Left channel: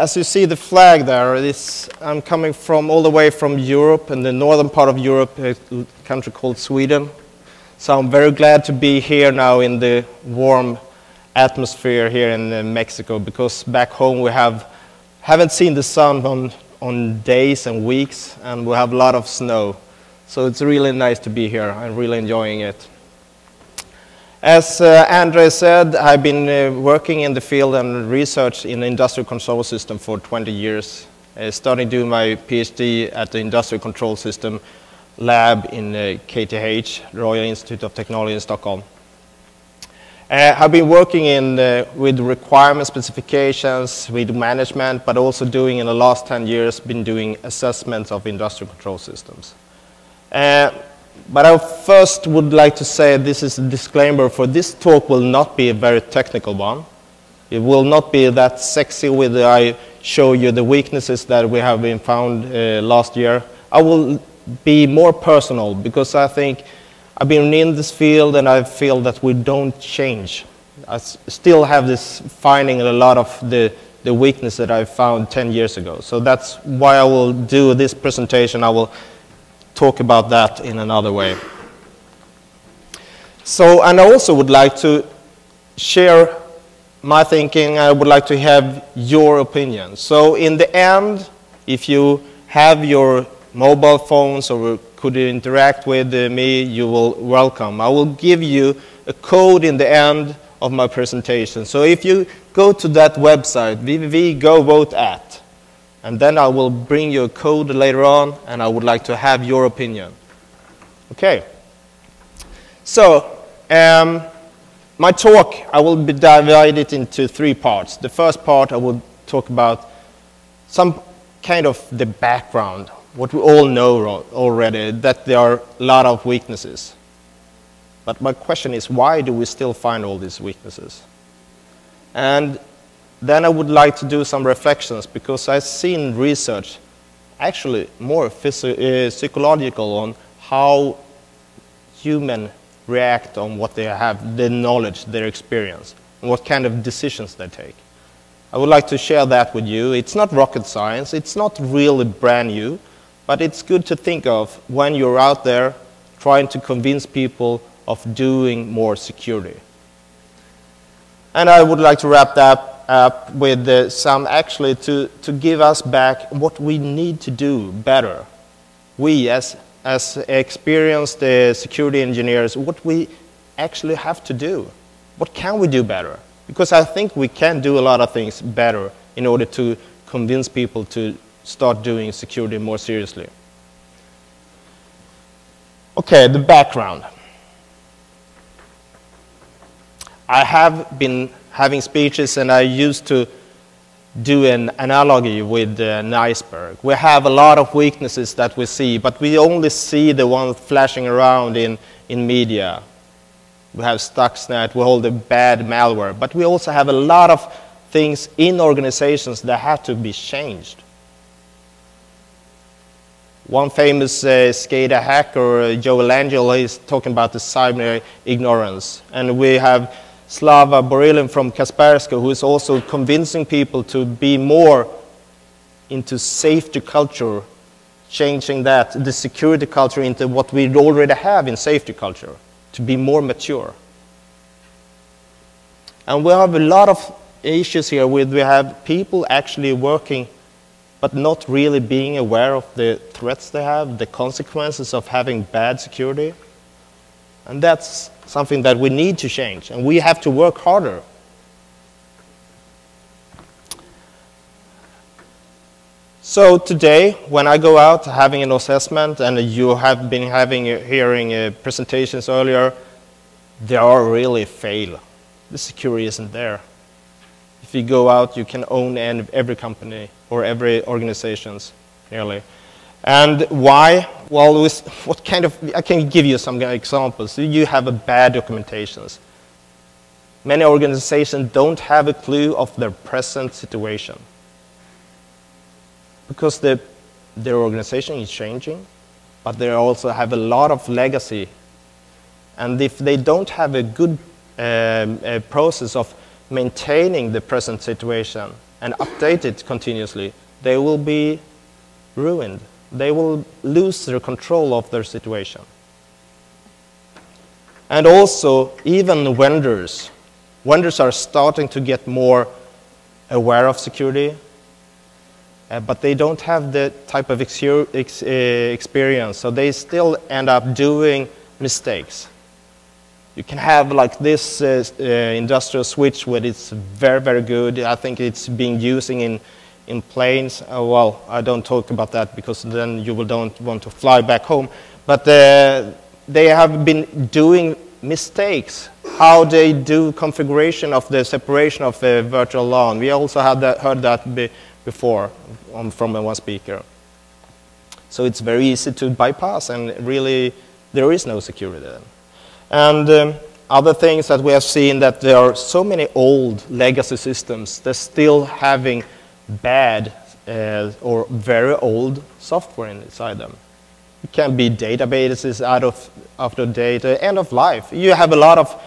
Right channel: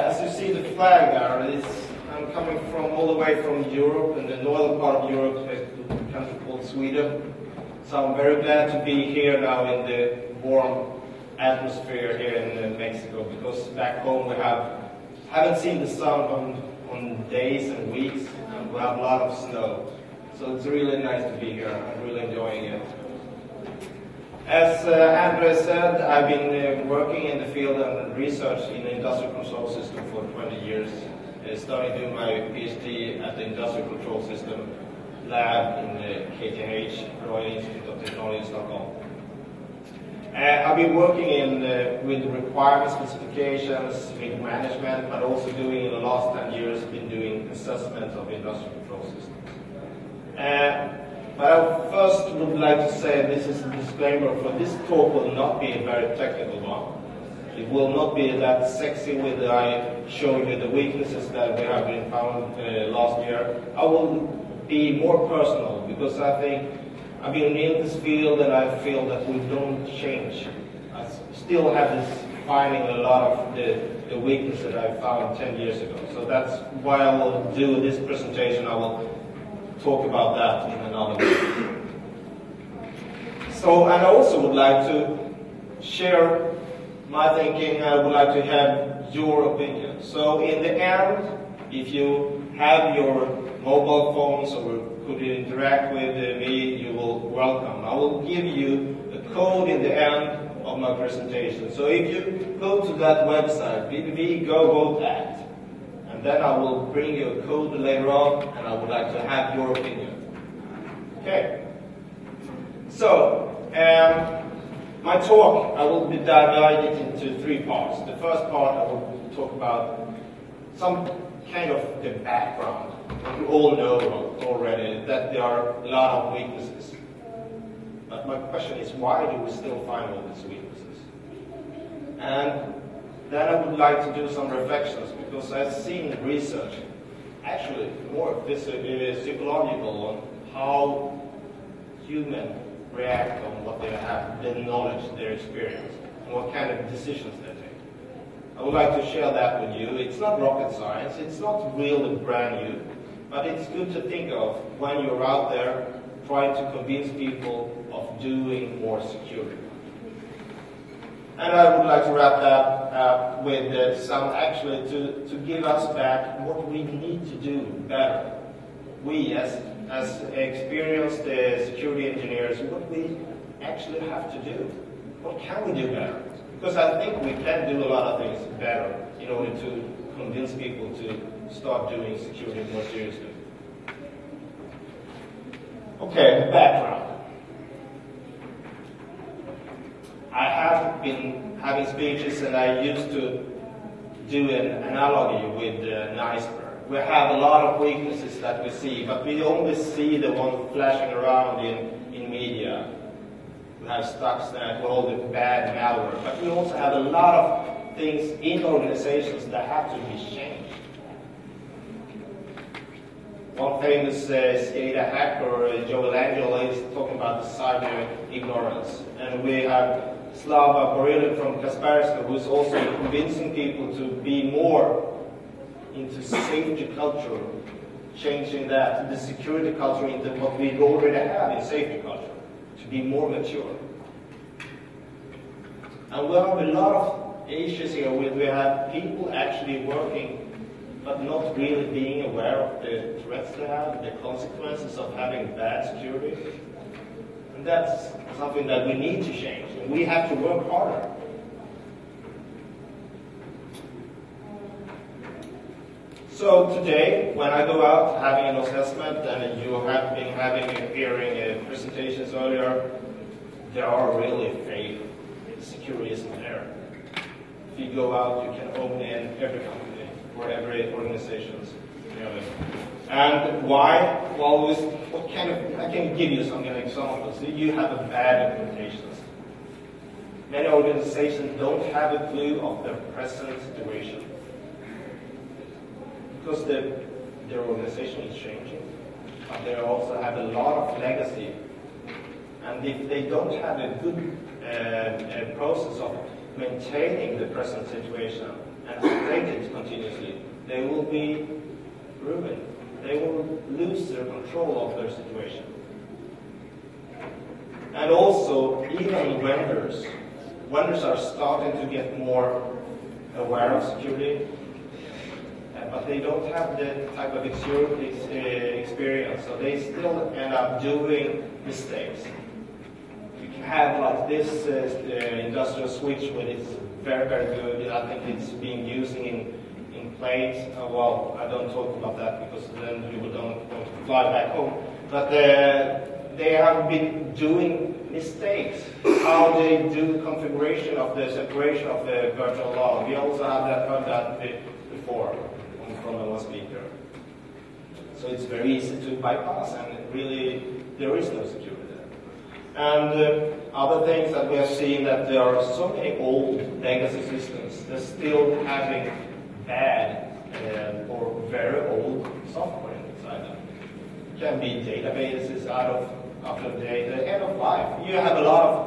as you see the flag there, I'm coming from all the way from Europe, in the northern part of Europe, a country called Sweden. So I'm very glad to be here now in the warm atmosphere here in Mexico, because back home we haven't seen the sun on days and weeks, and we have a lot of snow. So it's really nice to be here. I'm really enjoying it. As Andre said, I've been working in the field and research in industrial control system for 20 years. Starting doing my PhD at the Industrial Control System lab in KTH, Royal Institute of Technology in Stockholm. I've been working with requirement specifications, with management, but also doing in the last 10 years, been doing assessments of industrial control systems. But I first would like to say this is a disclaimer, for this talk will not be a very technical one. It will not be that sexy with I show you the weaknesses that we have been found last year. I will be more personal, because I think I've been in this field and I feel that we don't change. I still have this finding a lot of the weakness that I found 10 years ago. So that's why I will do this presentation. I will talk about that in another way. So, and I also would like to share my thinking. I would like to have your opinion. So in the end, if you have your mobile phones or could interact with me, you will welcome. I will give you a code in the end of my presentation. So if you go to that website, www.govote@, and then I will bring you a code later on, and I would like to have your opinion. Okay. So, my talk, I will divide it into 3 parts. The first part, I will talk about some kind of the background, what we all know already, that there are a lot of weaknesses. But my question is, why do we still find all these weaknesses? And then I would like to do some reflections, because I've seen research, actually more psychological, on how humans react on what they have, their knowledge, their experience, and what kind of decisions they take. I would like to share that with you. It's not rocket science, it's not really brand new, but it's good to think of when you're out there trying to convince people of doing more security. And I would like to wrap that up with some, actually, to give us back what we need to do better. We, as experienced security engineers, what we actually have to do. What can we do better? Because I think we can do a lot of things better in order to convince people to start doing security more seriously. Okay, the background. I have been having speeches, and I used to do an analogy with an iceberg. We have a lot of weaknesses that we see, but we only see the ones flashing around in media. We have Stuxnet, we hold the bad malware, but we also have a lot of things in organizations that have to be changed. One famous SCADA hacker, Johansson, is talking about the cyber ignorance. And we have Slava Borilin from Kaspersky, who is also convincing people to be more into safety culture, changing that, the security culture, into what we already have in safety culture, to be more mature. And we have a lot of issues here with, we have people actually working but not really being aware of the threats they have, the consequences of having bad security. And that's something that we need to change, and we have to work harder. So today, when I go out having an assessment, and you have been hearing presentations earlier, they are really fail. The security isn't there. If you go out, you can own every company or every organizations, nearly. And why? Well, what kind of, I can give you some examples. You have a bad documentations. Many organizations don't have a clue of their present situation, because their organization is changing, but they also have a lot of legacy. And if they don't have a good process of maintaining the present situation, and update it continuously, they will be ruined. They will lose their control of their situation. And also, even vendors are starting to get more aware of security, but they don't have the type of experience, so they still end up doing mistakes. You can have like this industrial switch where it's very, very good. I think it's being using in planes. Well, I don't talk about that because then you don't want to fly back home. But they have been doing mistakes, how they do configuration of the separation of the virtual LAN. We also had heard that before from one speaker. So it's very easy to bypass, and really there is no security there. And other things that we have seen, that there are so many old legacy systems, they're still having bad or very old software inside them. It can be databases out of date, end of life. You have a lot of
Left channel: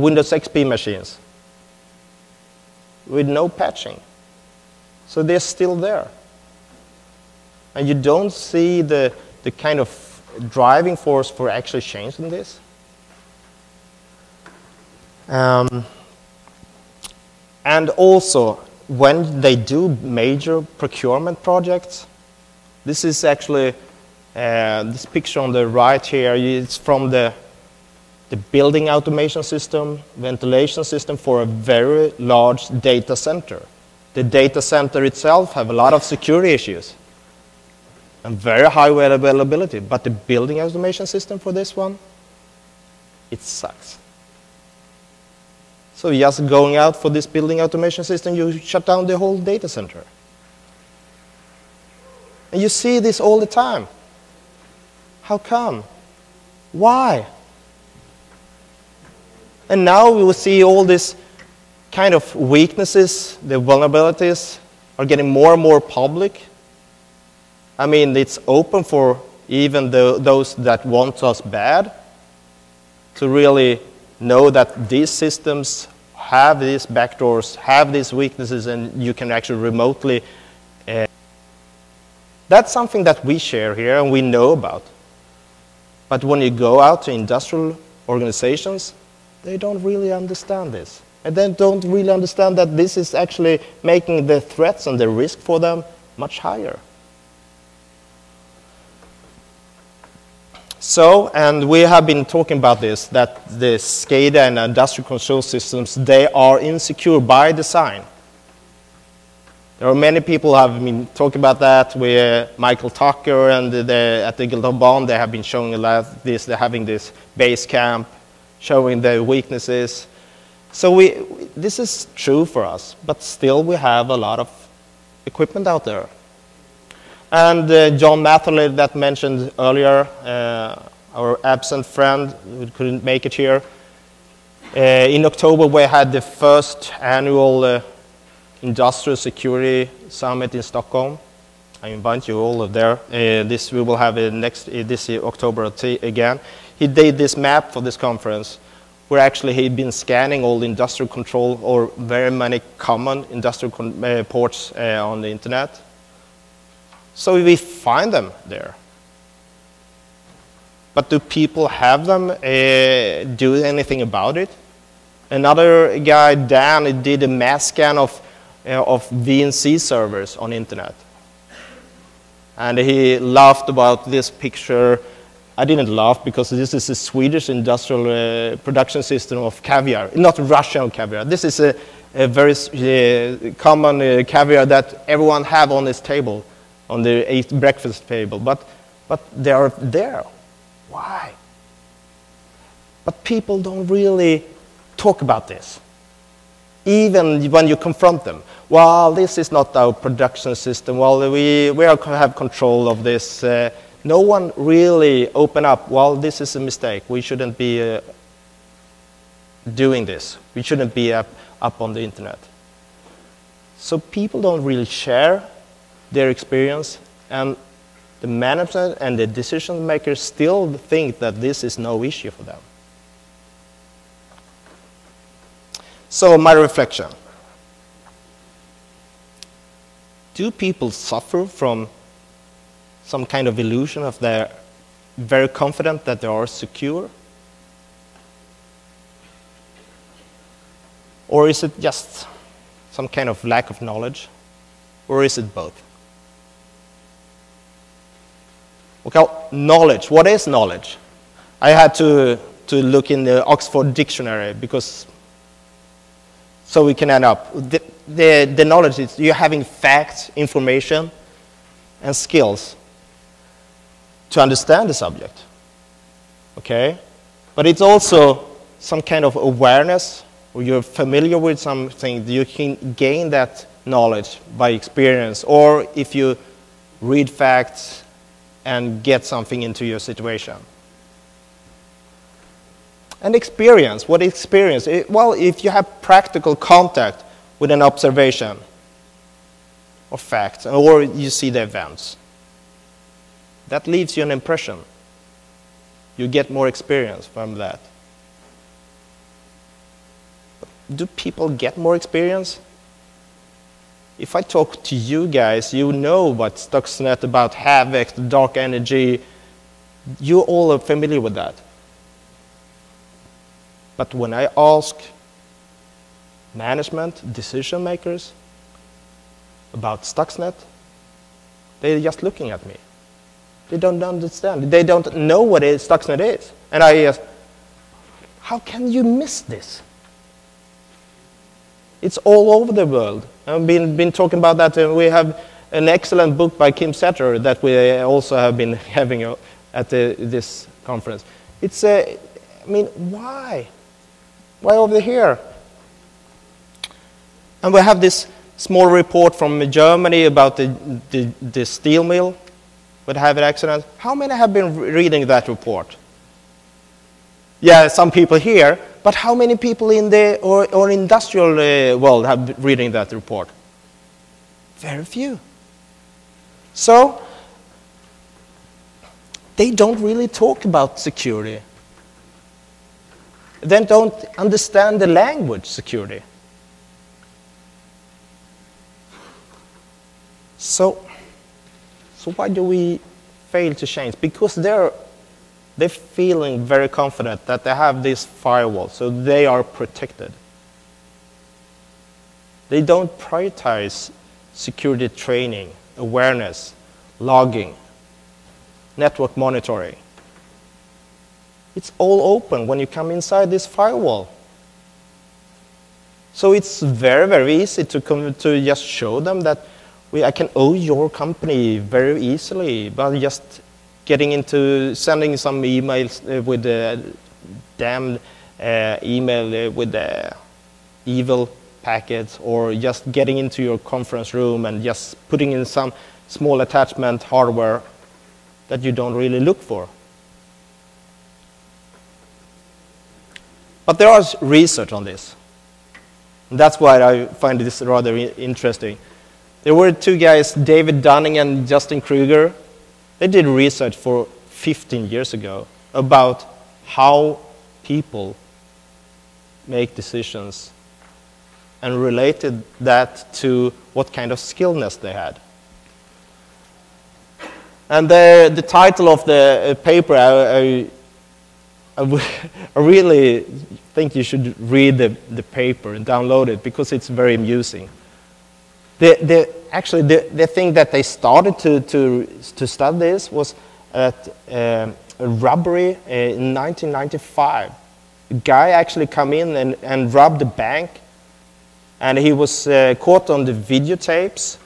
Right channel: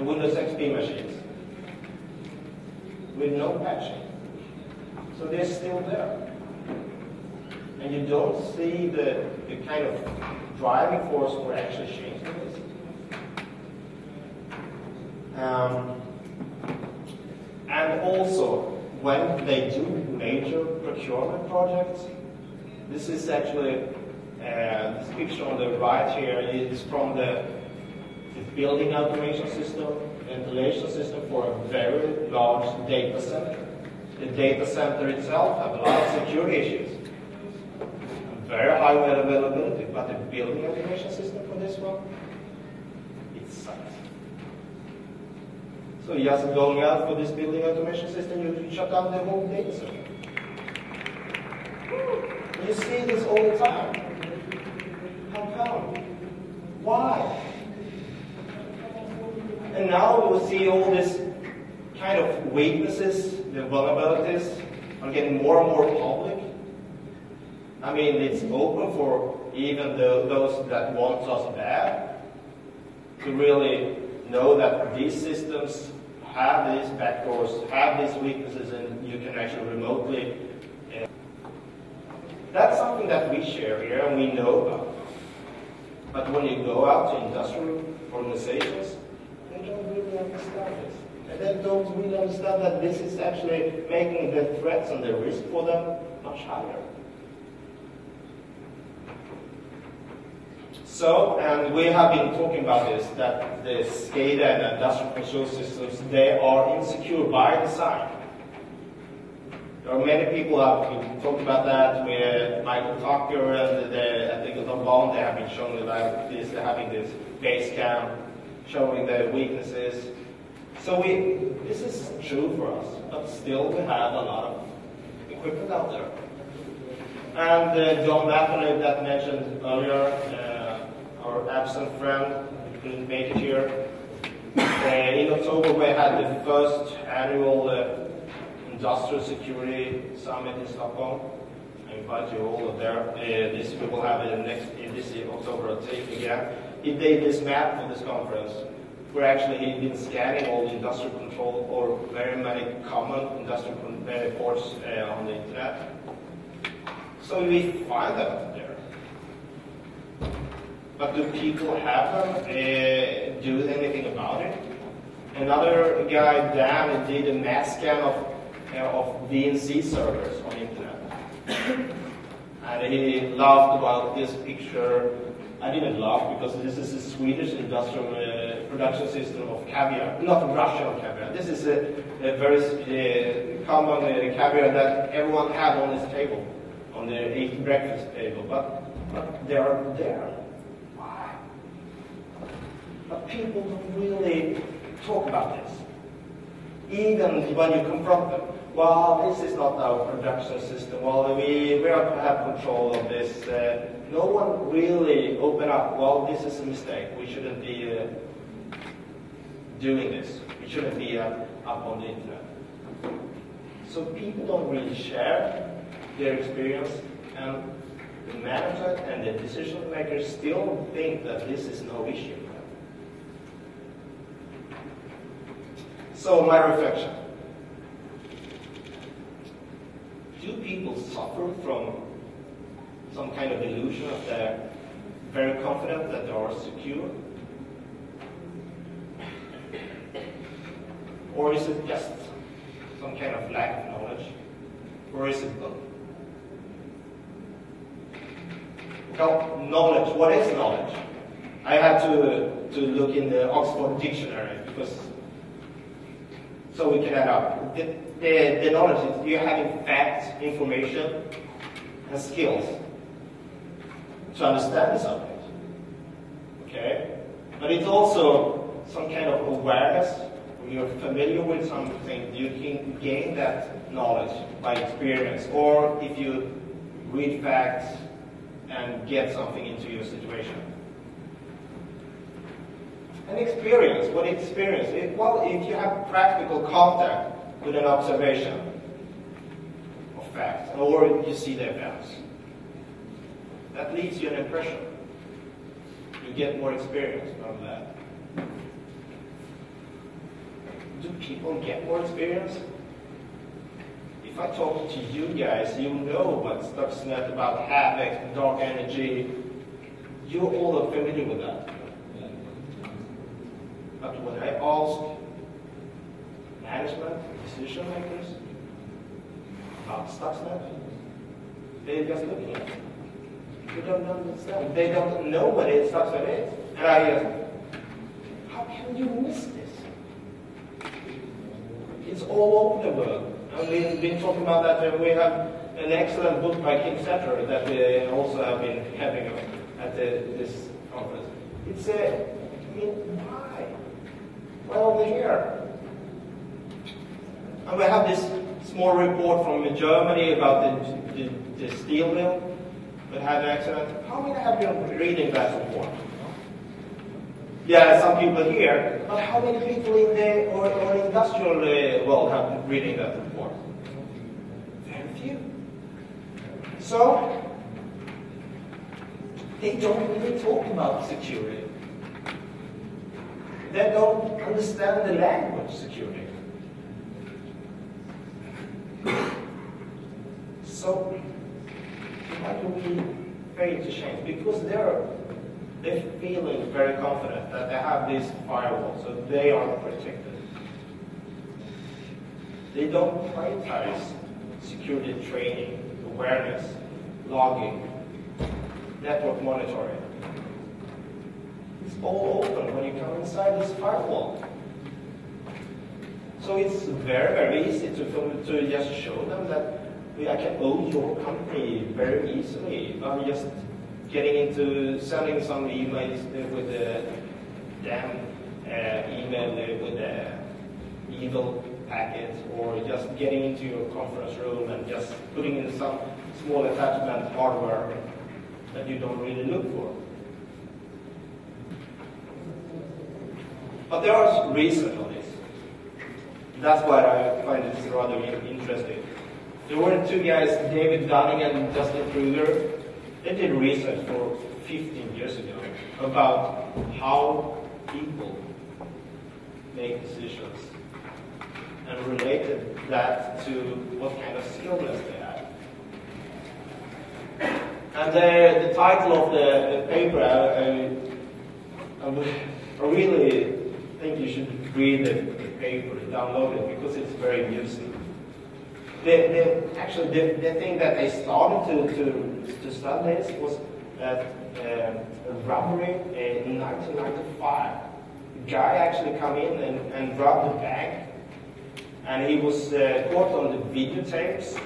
Windows XP machines with no patching. So they're still there. And you don't see the kind of driving force for actually changing this. And also, when they do major procurement projects, this is actually, this picture on the right here is from the building automation system, ventilation system for a very large data center. The data center itself have a lot of security issues and very high availability, but the building automation system for this one, it sucks. So just going out for this building automation system, you shut down the whole data center. And you see this all the time. How come? Why? And now we will see all these kind of weaknesses, the vulnerabilities are getting more and more public. I mean, it's open for even those that want us bad to really know that these systems have these backdoors, have these weaknesses, and you can actually remotely. That's something that we share here and we know about. But when you go out to industrial organizations, they don't really understand this. And they don't really understand that this is actually making the threats and the risk for them much higher. So, and we have been talking about this, that the SCADA and industrial control systems, they are insecure by design. There are many people who have been talking about that, with Michael Tucker and at the Gildan, they have been showing this, they're having this base camp, showing the weaknesses. So this is true for us, but still we have a lot of equipment out there. And John Matherly that mentioned earlier, our absent friend who couldn't make it here. In October we had the first annual Industrial Security Summit in Stockholm. I invite you all there. This we will have this year, October again. He did this map for this conference, where actually he'd been scanning all the industrial control or very many common industrial ports on the internet. So we find them there. But do people have them, do anything about it? Another guy, Dan, did a mass scan of VNC servers on internet. And he laughed about this picture. I didn't laugh because this is a Swedish industrial production system of caviar, not Russian caviar. This is a very common caviar that everyone have on this table, on the breakfast table, but they are there. Why? But people don't really talk about this, even when you confront them. Well, this is not our production system. Well, we have control of this. No one really open up. Well, this is a mistake. We shouldn't be doing this. We shouldn't be up on the internet. So people don't really share their experience, and the management and the decision makers still think that this is no issue for them. So my reflection. do people suffer from some kind of illusion of they're very confident that they are secure? Or is it just some kind of lack of knowledge? Or is it both? Okay, knowledge. What is knowledge? I had to look in the Oxford Dictionary because so we can end up. The knowledge is you're having facts, information, and skills to understand the subject. Okay? But it's also some kind of awareness, or you're familiar with something, you can gain that knowledge by experience, or if you read facts and get something into your situation. And experience, what experience? Well, if you have practical contact with an observation or fact, or you see the events, that leaves you an impression. You get more experience from that. Do people get more experience? If I talk to you guys, you know what Stuxnet, about Havoc, the dark energy, you all are familiar with that. But when I ask management, decision makers about Stuxnet, they're just looking at me. They don't understand. They don't know what Stuxnet is. And I ask, how can you miss this? It's all over the world. I've been talking about that. We have an excellent book by Kim Setter that we also have been having at this conference. It's I mean, why? Why over here? And we have this small report from Germany about the steel mill that had an accident. How many have been reading that report? Yeah, some people here, but how many people in the or industrial world have been reading that report? Very few. So they don't really talk about security. They don't understand the language security. So why do we fail to change? Because they're feeling very confident that they have this firewall, so they are protected. They don't prioritize security training, awareness, logging, network monitoring. It's all open when you come inside this firewall. So it's very, very easy to just show them that I can owe your company very easily by just getting into sending some emails with the damn email with the evil packets, or just getting into your conference room and just putting in some small attachment hardware that you don't really look for. But there is research on this. And that's why I find this rather interesting. There were two guys, David Dunning and Justin Kruger. They did research for 15 years ago about how people make decisions and related that to what kind of skillness they had. And the title of the paper, I really think you should read the paper, download it, because it's very amusing. Actually, the thing that they started to study this was at a robbery in 1995. A guy actually come in and robbed a bank, and he was caught on the videotapes,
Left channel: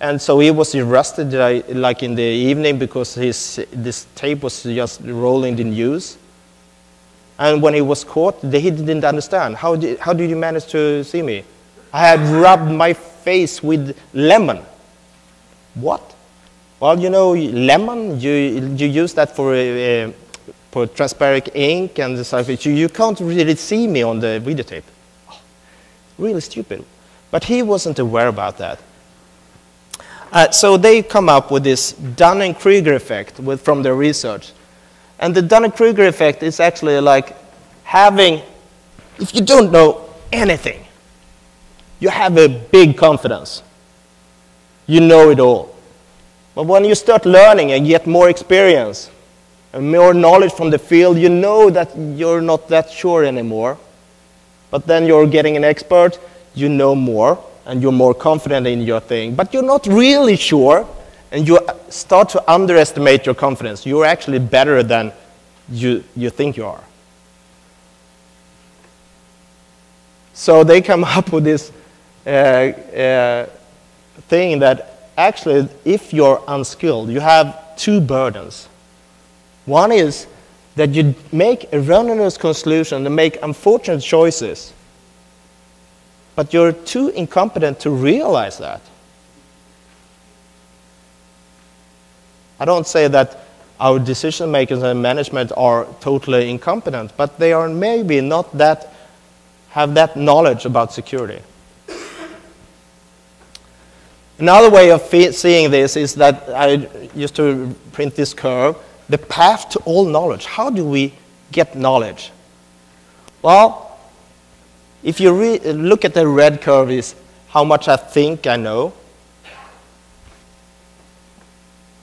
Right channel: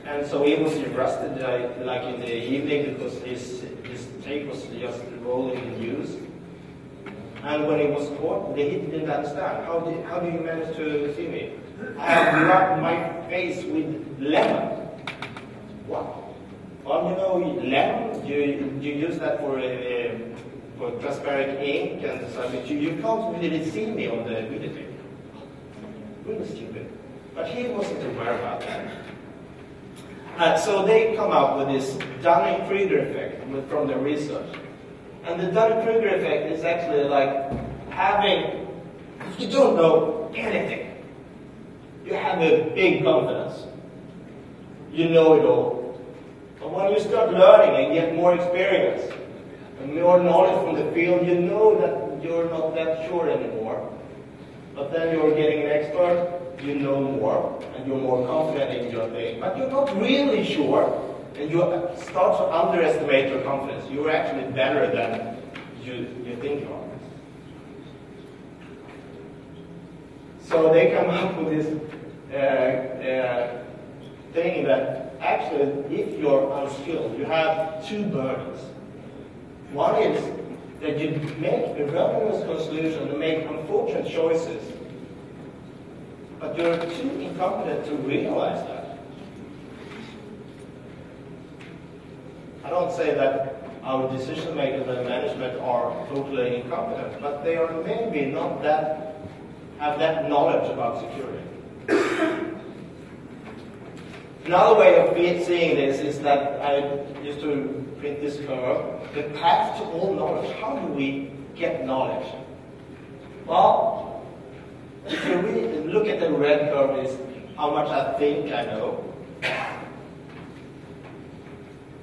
and so he was arrested like in the evening because this tape was just rolling the news. And when he was caught, he didn't understand. How did you manage to see me? I had rubbed my face with lemon. What? Well, you know, lemon, you use that for transparent ink and stuff. You can't really see me on the videotape. Really stupid. But he wasn't aware about that. So they come up with this Dunning-Kruger effect from their research. And the Dunning-Kruger effect is actually like having, if you don't know anything, you have a big confidence. you know it all. But when you start learning and get more experience and more knowledge from the field, you know that you're not that sure anymore. But then you're getting an expert, you know more, and you're more confident in your thing. But you're not really sure, and you start to underestimate your confidence. You're actually better than you think you are. So they come up with this thing that actually, if you're unskilled, you have two burdens. One is that you make erroneous conclusions and make unfortunate choices, but you're too incompetent to realize that. I don't say that our decision makers and management are totally incompetent, but they are maybe not that, have that knowledge about security. Another way of seeing this is that I used to print this curve, the path to all knowledge. How do we get knowledge? Well, if you look at the red curve is how much I think I know.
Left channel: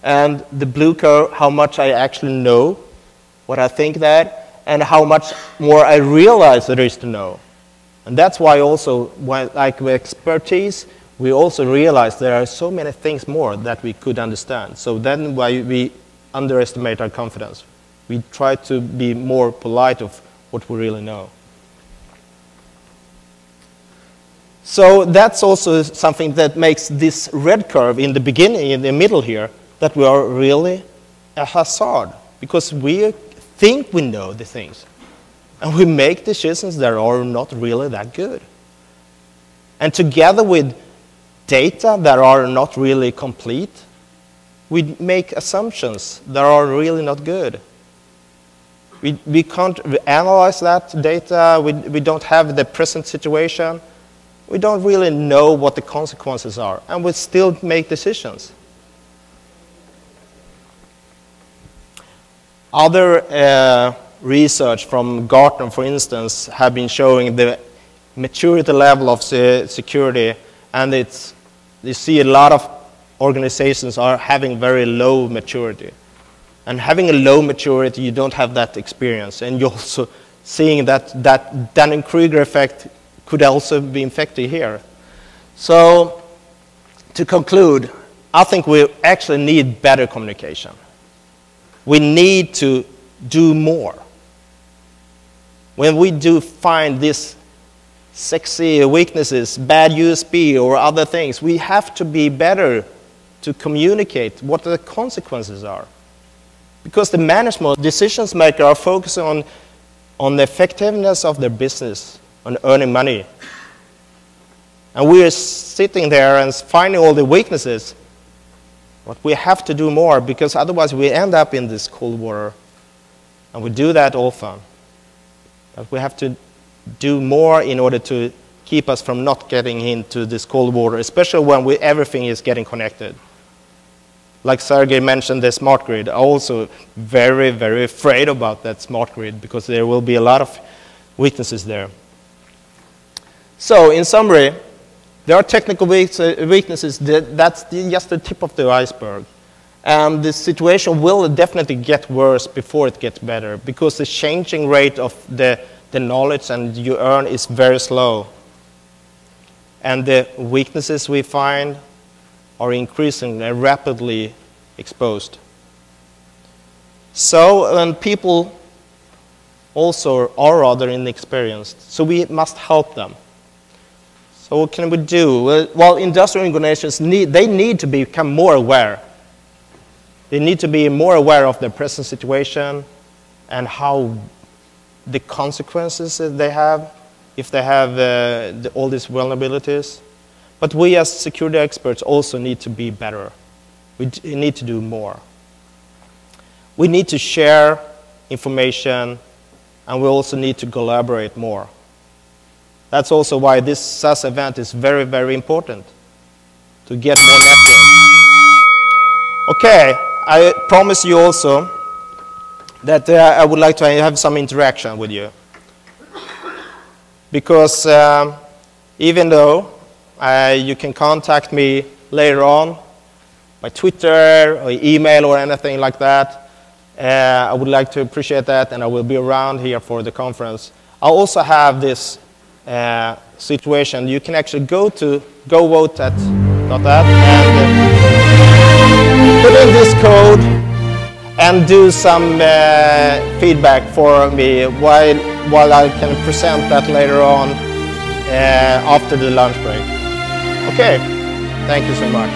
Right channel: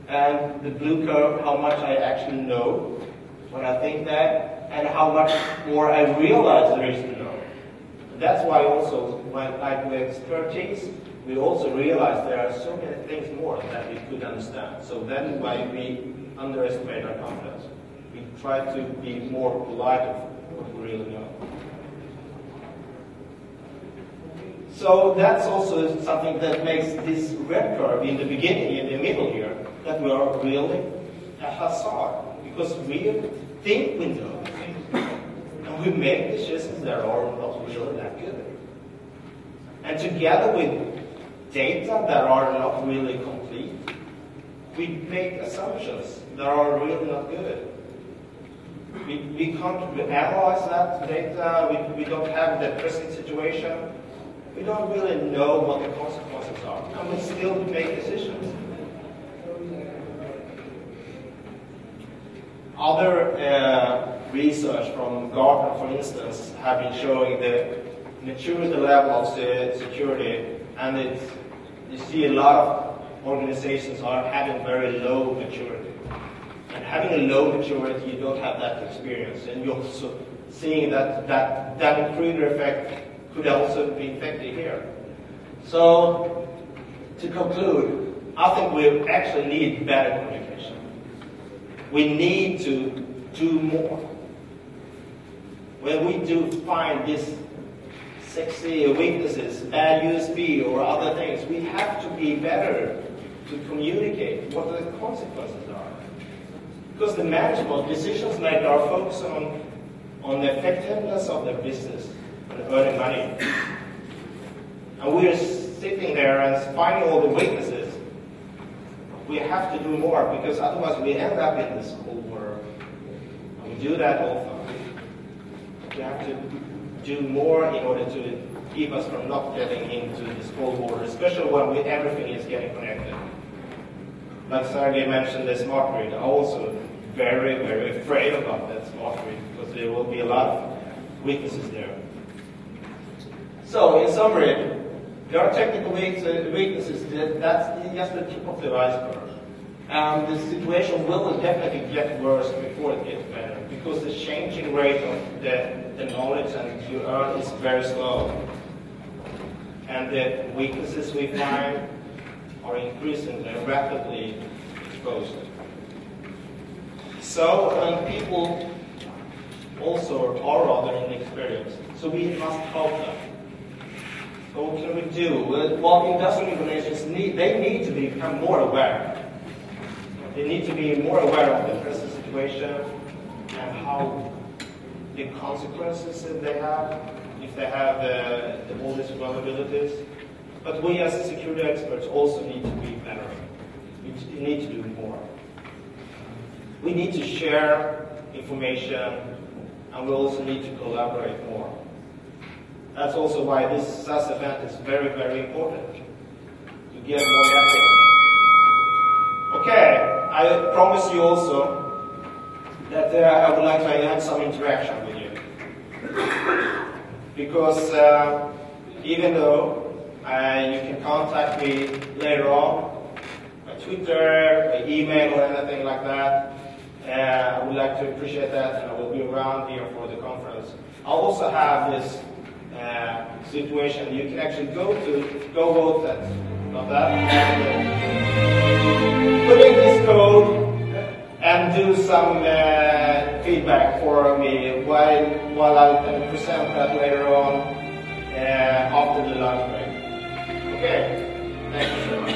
And the blue curve, how much I actually know, what I think that, and how much more I realize there is to know. And that's why also, like with expertise, we also realize there are so many things more that we could understand. So then why we underestimate our confidence. We try to be more polite of what we really know. So that's also something that makes this red curve in the beginning, in the middle here, that we are really a hazard, because we think we know the things. And we make decisions that are not really that good. And together with data that are not really complete, we make assumptions that are really not good. We can't analyze that data. We don't have the present situation. We don't really know what the consequences are, and we still make decisions. Other research from Gartner, for instance, have been showing the maturity level of security, and you see a lot of organizations are having very low maturity. And having a low maturity, you don't have that experience. And you're also seeing that Dunning-Kruger effect could also be infected here. So to conclude, I think we actually need better communication. We need to do more. When we do find these sexy weaknesses, bad USB or other things, we have to be better to communicate what the consequences are. Because the management decisions makers are focusing on the effectiveness of their business, on earning money. And we are sitting there and finding all the weaknesses. But we have to do more, because otherwise we end up in this cold water. And we do that often. But we have to do more in order to keep us from not getting into this cold water, especially when everything is getting connected. Like Sergey mentioned, the smart grid. I'm also very, very afraid about that smart grid, because there will be a lot of weaknesses there. So in summary, there are technical weaknesses. That's just the tip of the iceberg. And the situation will definitely get worse before it gets better, because the changing rate of the knowledge and you earn is very slow. And the weaknesses we find are increasing and rapidly exposed. So, and people also are rather inexperienced, so we must help them. So what can we do? Well, industrial organizations need to become more aware. They need to be more aware of their present situation and how the consequences that they have if they have all these vulnerabilities. But we as security experts also need to be better. We need to do more. We need to share information, and we also need to collaborate more. That's also why this SAS event is very, very important, to get more network. Okay, I promise you also that I would like to have some interaction with you. Because even though You can contact me later on by Twitter or email or anything like that. I would like to appreciate that, and I will be around here for the conference. I'll also have this situation. You can actually go to govote.that and put in this code and do some feedback for me while I can present that later on after the lunch break. Okay, thank you so much.